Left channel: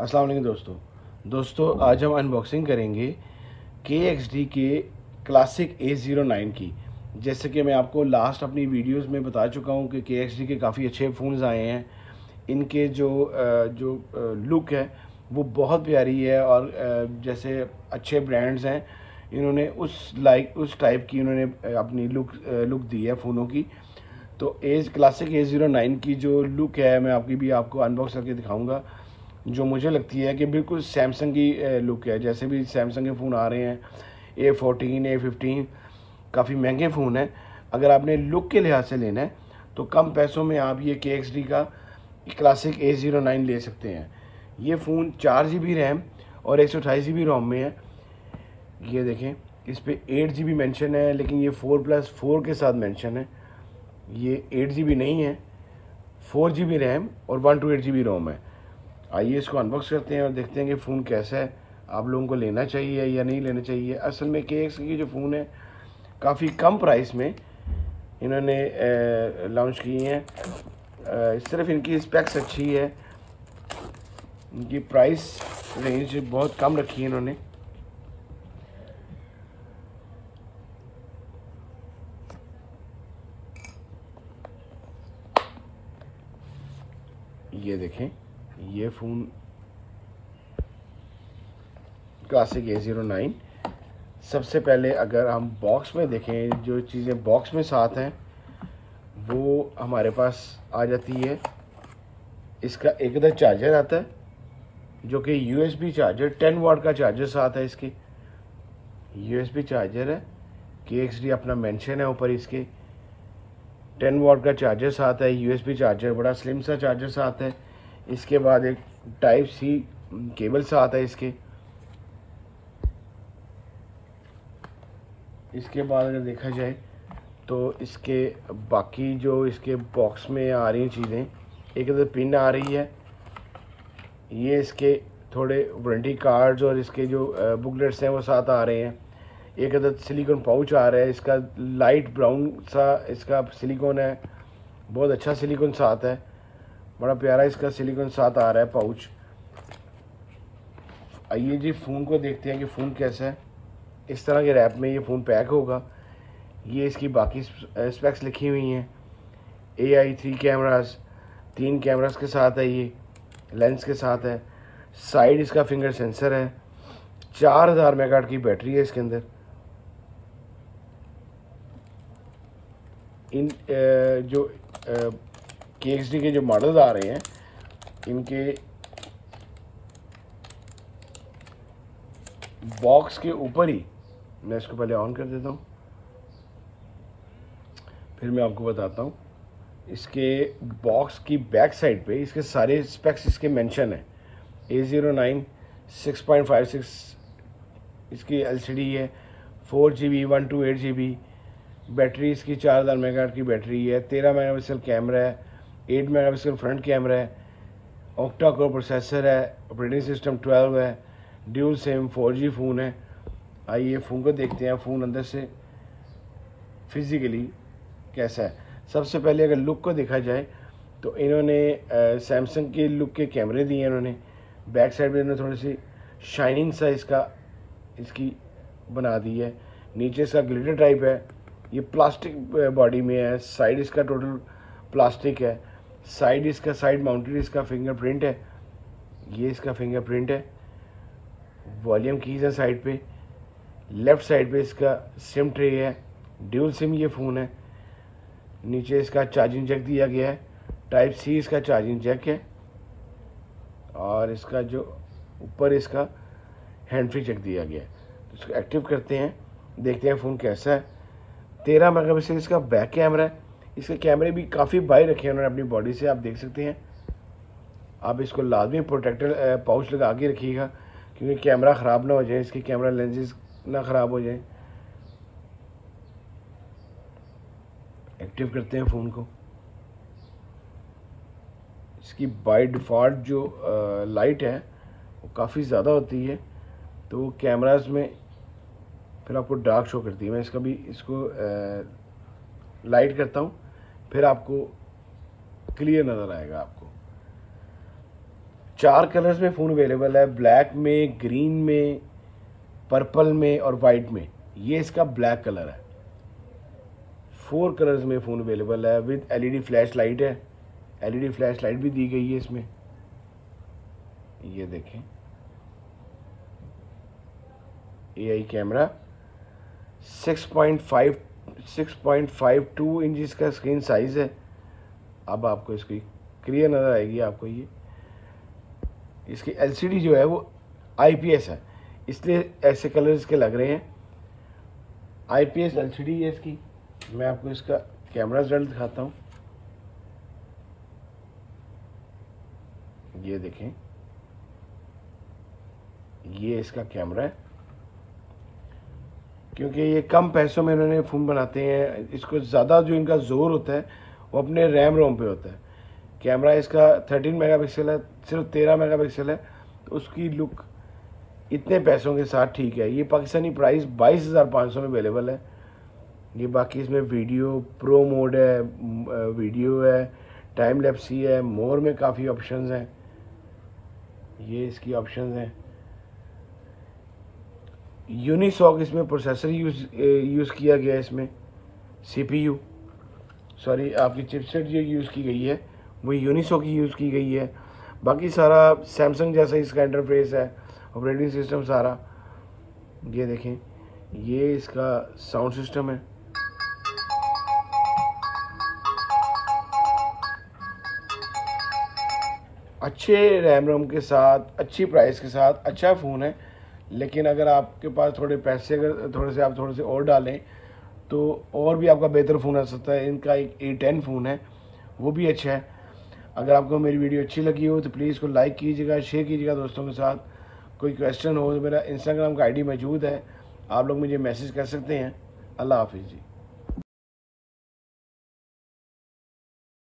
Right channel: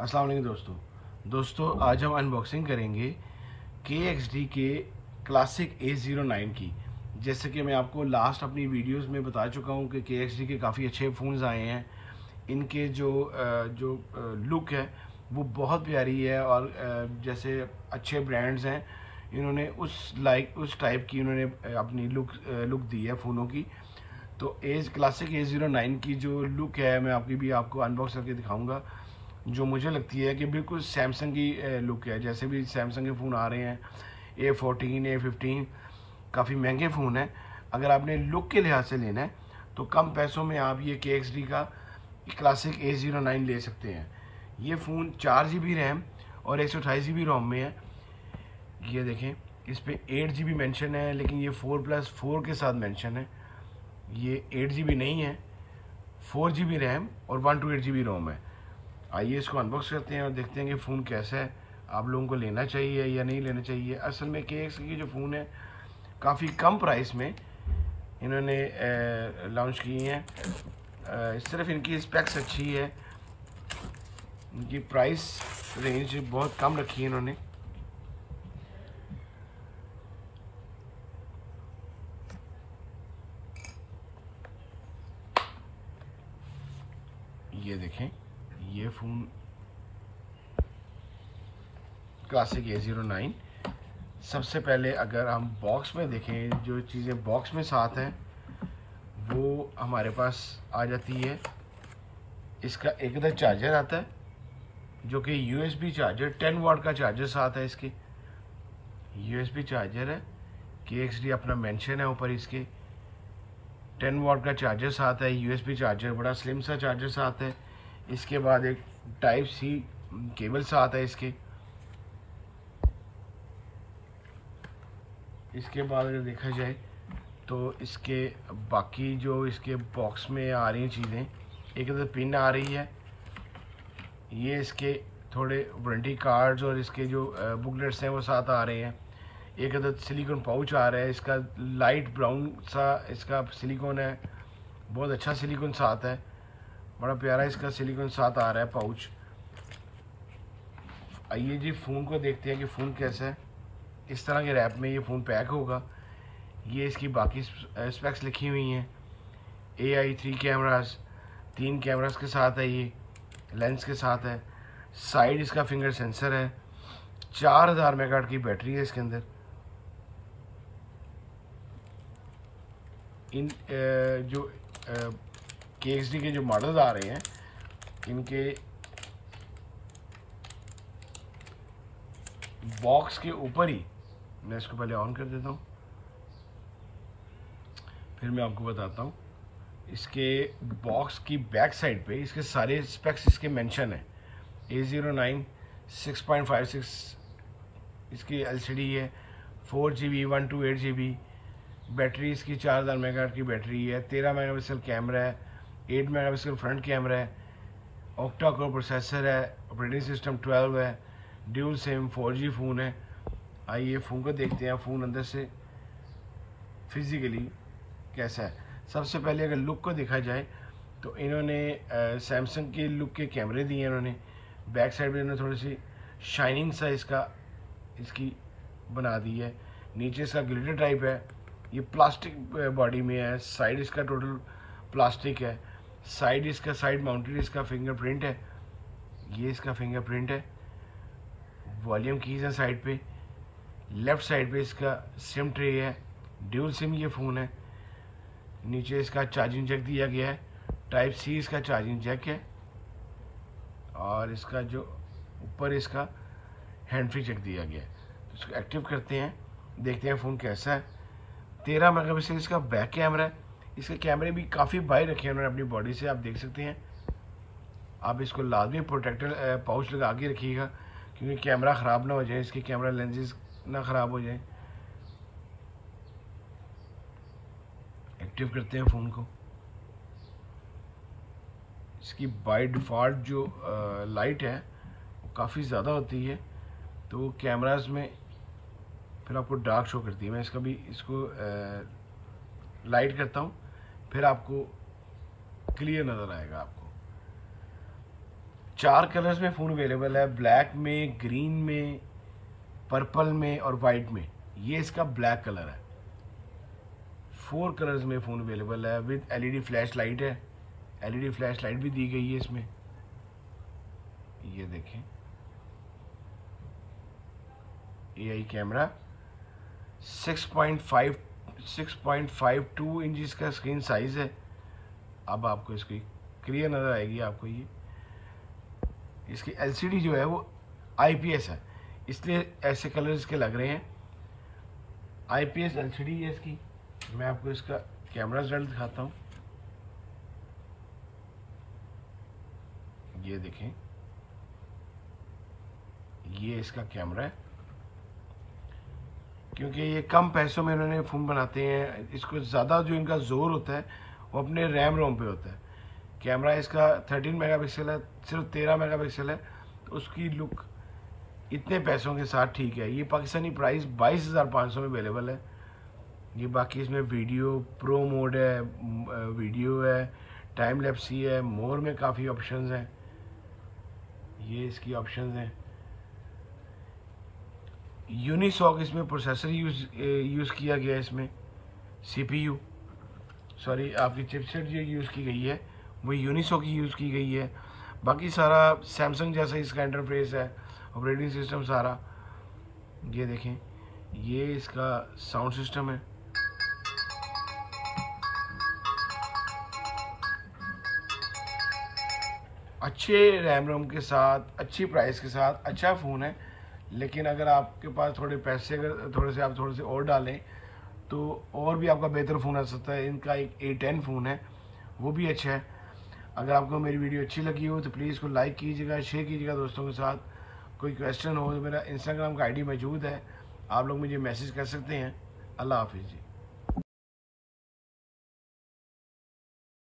अस्सलाम वालेकुम दोस्तों आज हम अनबॉक्सिंग करेंगे KXD के क्लासिक A09 की। जैसे कि मैं आपको लास्ट अपनी वीडियोस में बता चुका हूं कि KXD के काफ़ी अच्छे फ़ोन्स आए हैं। इनके जो लुक है वो बहुत प्यारी है और जैसे अच्छे ब्रांड्स हैं इन्होंने उस टाइप की इन्होंने अपनी लुक दी है फ़ोनों की। तो क्लासिक A09 की जो लुक है मैं आपको अनबॉक्स करके दिखाऊंगा, जो मुझे लगती है कि बिल्कुल सैमसंग की लुक है। जैसे भी सैमसंग के फ़ोन आ रहे हैं A14 A15 काफ़ी महंगे फ़ोन हैं। अगर आपने लुक के लिहाज से लेना है तो कम पैसों में आप ये KXD का क्लासिक A09 ले सकते हैं। ये फ़ोन 4 GB रैम और 128 GB रोम में है। ये देखें, इस पर 8 GB मेंशन है, लेकिन ये 4+4 के साथ मेंशन है। ये 8 GB नहीं है, 4 GB रैम और 128 GB रोम है। आइए इसको अनबॉक्स करते हैं और देखते हैं कि फ़ोन कैसा है, आप लोगों को लेना चाहिए या नहीं लेना चाहिए। असल में KXD की जो फ़ोन है काफ़ी कम प्राइस में इन्होंने लॉन्च की हैं। सिर्फ इनकी स्पेक्स अच्छी है, इनकी प्राइस रेंज बहुत कम रखी है इन्होंने। ये देखें, ये फ़ोन क्लासिक A09। सबसे पहले अगर हम बॉक्स में देखें, जो चीज़ें बॉक्स में साथ हैं वो हमारे पास आ जाती है। इसका एक इधर चार्जर आता है जो कि USB चार्जर, 10 वाट का चार्जर साथ है। इसके USB चार्जर है, KXD अपना मेंशन है ऊपर इसके। 10 वाट का चार्जर साथ है, USB चार्जर, बड़ा स्लिम सा चार्जर साथ है। इसके बाद एक Type-C केबल साथ है इसके। इसके बाद अगर देखा जाए तो इसके बाकी जो इसके बॉक्स में आ रही चीज़ें, एक इधर पिन आ रही है, ये इसके थोड़े वारंटी कार्ड्स और इसके जो बुकलेट्स हैं वो साथ आ रहे हैं। एक इधर सिलिकॉन पाउच आ रहा है, इसका लाइट ब्राउन सा इसका सिलिकॉन है, बहुत अच्छा सिलिकॉन साथ है, बड़ा प्यारा इसका सिलिकॉन साथ आ रहा है पाउच। आइए जी फ़ोन को देखते हैं कि फ़ोन कैसा है। इस तरह के रैप में ये फ़ोन पैक होगा। ये इसकी बाकी स्पेक्स लिखी हुई हैं। AI 3 कैमरास, 3 कैमरास के साथ है, ये लेंस के साथ है। साइड इसका फिंगर सेंसर है। 4000 मेगाहर्ट्ज़ की बैटरी है इसके अंदर। इन जो KXD के जो मॉडल्स आ रहे हैं इनके बॉक्स के ऊपर ही, मैं इसको पहले ऑन कर देता हूँ फिर मैं आपको बताता हूँ। इसके बॉक्स की बैक साइड पे इसके सारे स्पेक्स इसके मेंशन है। A09 6.56 इसकी LCD है, 4 GB 128 GB बैटरी इसकी, 4000 मेगाहर्ट्ज़ की बैटरी है, 13 मेगापिक्सल कैमरा है, 8 मेगापिक्सल फ्रंट कैमरा है, ऑक्टा कोर प्रोसेसर है, ऑपरेटिंग सिस्टम 12 है, ड्यूल सिम 4G फ़ोन है। आइए फ़ोन को देखते हैं, फ़ोन अंदर से फिज़िकली कैसा है। सबसे पहले अगर लुक को देखा जाए तो इन्होंने सैमसंग के लुक के कैमरे दिए हैं इन्होंने। बैक साइड में इन्होंने थोड़ी सी शाइनिंग सा इसकी बना दी है। नीचे इसका ग्लिटर टाइप है, ये प्लास्टिक बॉडी में है। साइड इसका टोटल प्लास्टिक है। साइड इसका साइड माउंटेड इसका फिंगरप्रिंट है, ये इसका फिंगरप्रिंट है। वॉल्यूम कीज है साइड पे। लेफ्ट साइड पे इसका सिम ट्रे है, ड्यूल सिम ये फ़ोन है। नीचे इसका चार्जिंग जैक दिया गया है, Type-C इसका चार्जिंग जैक है। और इसका जो ऊपर इसका हैंड फ्री जैक दिया गया है। तो इसको एक्टिव करते हैं, देखते हैं फ़ोन कैसा है। 13 मेगापिक्सल इसका बैक कैमरा है। इसके कैमरे भी काफ़ी बाई रखे हैं उन्होंने अपनी बॉडी से, आप देख सकते हैं। आप इसको लाजमी प्रोटेक्टर पाउच लगा के रखिएगा क्योंकि कैमरा ख़राब ना हो जाए, इसकी कैमरा लेंसेज ना ख़राब हो जाए। एक्टिव करते हैं फ़ोन को। इसकी बाय डिफ़ॉल्ट जो लाइट है वो काफ़ी ज़्यादा होती है, तो कैमरास में फिर आपको डार्क शो करती है। मैं इसको लाइट करता हूँ, फिर आपको क्लियर नज़र आएगा आपको। 4 कलर्स में फ़ोन अवेलेबल है, ब्लैक में, ग्रीन में, पर्पल में और वाइट में। ये इसका ब्लैक कलर है। 4 कलर्स में फ़ोन अवेलेबल है विद एलईडी फ्लैश लाइट है। एलईडी फ्लैश लाइट भी दी गई है इसमें, ये देखें। एआई कैमरा, 6.52 इंच का स्क्रीन साइज है। अब आपको इसकी क्लियर नज़र आएगी आपको। ये इसकी एलसीडी जो है वो आईपीएस है, इसलिए ऐसे कलर इसके लग रहे हैं। आईपीएस एलसीडी है इसकी। मैं आपको इसका कैमरा रिजल्ट दिखाता हूँ। ये देखें, ये इसका कैमरा है। क्योंकि ये कम पैसों में इन्होंने फ़ोन बनाते हैं, इसको ज़्यादा जो इनका जोर होता है वो अपने रैम रोम पे होता है। कैमरा इसका 13 मेगापिक्सल है, सिर्फ 13 मेगापिक्सल है, तो उसकी लुक इतने पैसों के साथ ठीक है। ये पाकिस्तानी प्राइस 22,500 में अवेलेबल है। ये बाकी इसमें वीडियो प्रो मोड है, वीडियो है, टाइम लैप्सी है, मोर में काफ़ी ऑप्शंस हैं। ये इसकी ऑप्शंस हैं। यूनिसॉक इसमें प्रोसेसर यूज़ किया गया है। इसमें सीपीयू सॉरी आपकी चिपसेट जो यूज़ की गई है वो यूनिसॉक की यूज़ की गई है। बाकी सारा सैमसंग जैसा इसका इंटरफेस है, ऑपरेटिंग सिस्टम सारा। ये देखें, ये इसका साउंड सिस्टम है। अच्छे रैम रोम के साथ, अच्छी प्राइस के साथ अच्छा फ़ोन है। लेकिन अगर आपके पास थोड़े पैसे, अगर थोड़े से और डालें तो और भी आपका बेहतर फ़ोन आ सकता है। इनका एक A10 फ़ोन है, वो भी अच्छा है। अगर आपको मेरी वीडियो अच्छी लगी हो तो प्लीज़ इसको लाइक कीजिएगा, शेयर कीजिएगा दोस्तों के साथ। कोई क्वेश्चन हो तो मेरा इंस्टाग्राम का आईडी मौजूद है, आप लोग मुझे मैसेज कर सकते हैं। अल्लाह हाफिज़ जी।